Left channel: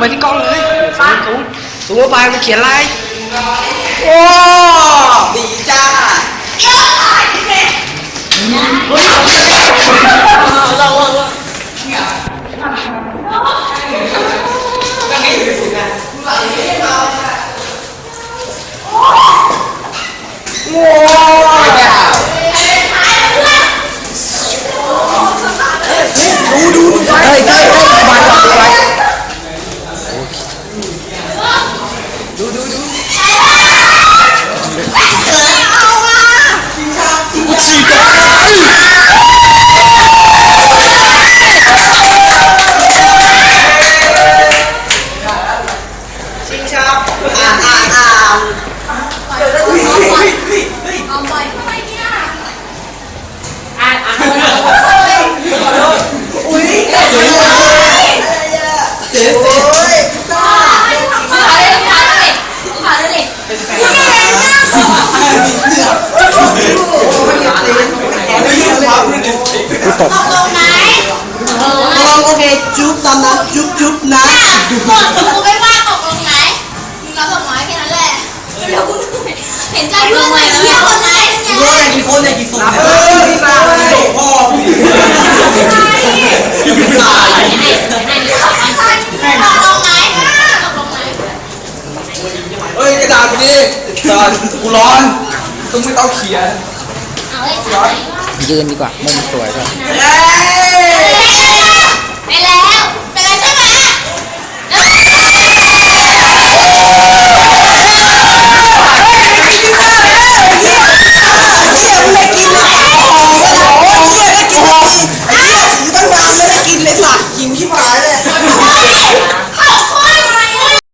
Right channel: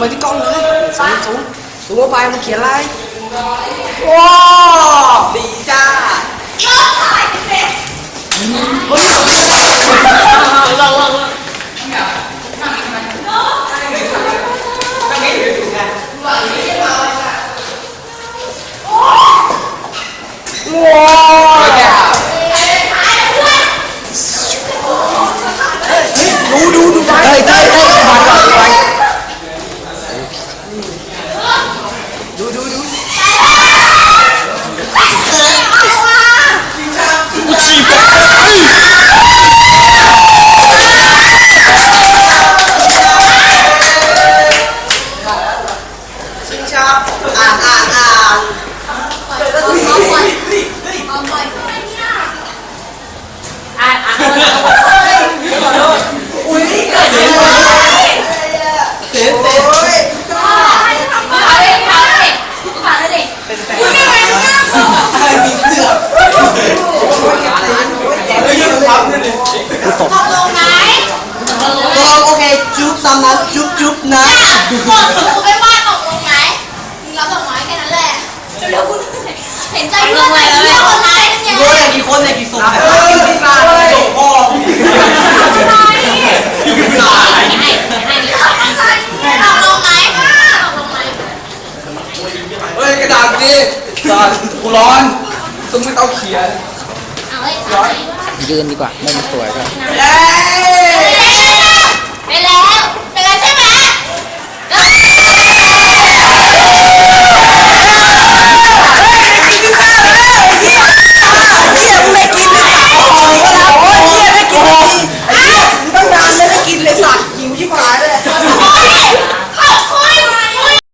ไปที่กล้องเลยซูมซูมซูมเข้าไปมันเขียนอะไรว้าดีจ้าว้าวดูดูดูเฮ้ยเฮ้ยเฮ้ยมาก่อนดูไป ฉีกชิงชับอ่านอ่านอ่าน เจ๊เจ๊ไม่ยืมความนึงลองโอเคจุ๊บตามนั้นจุ๊บจุ๊บ นะเห็นใจเพื่อนไหมเพื่อนคนไหนเนี่ยรู้อย่างกี่คนเนี่ยกี่สุ่มเออมาส่งพ่อพี่พี่ชายตกลงไหมตกลงไหมเฮ้ยกระดาษนี่จอนกูร้อนต้องไม่ต้องเขียนเฮ้ยไปยืนดีกว่ามุมสวยก็เอ้ยแล้ว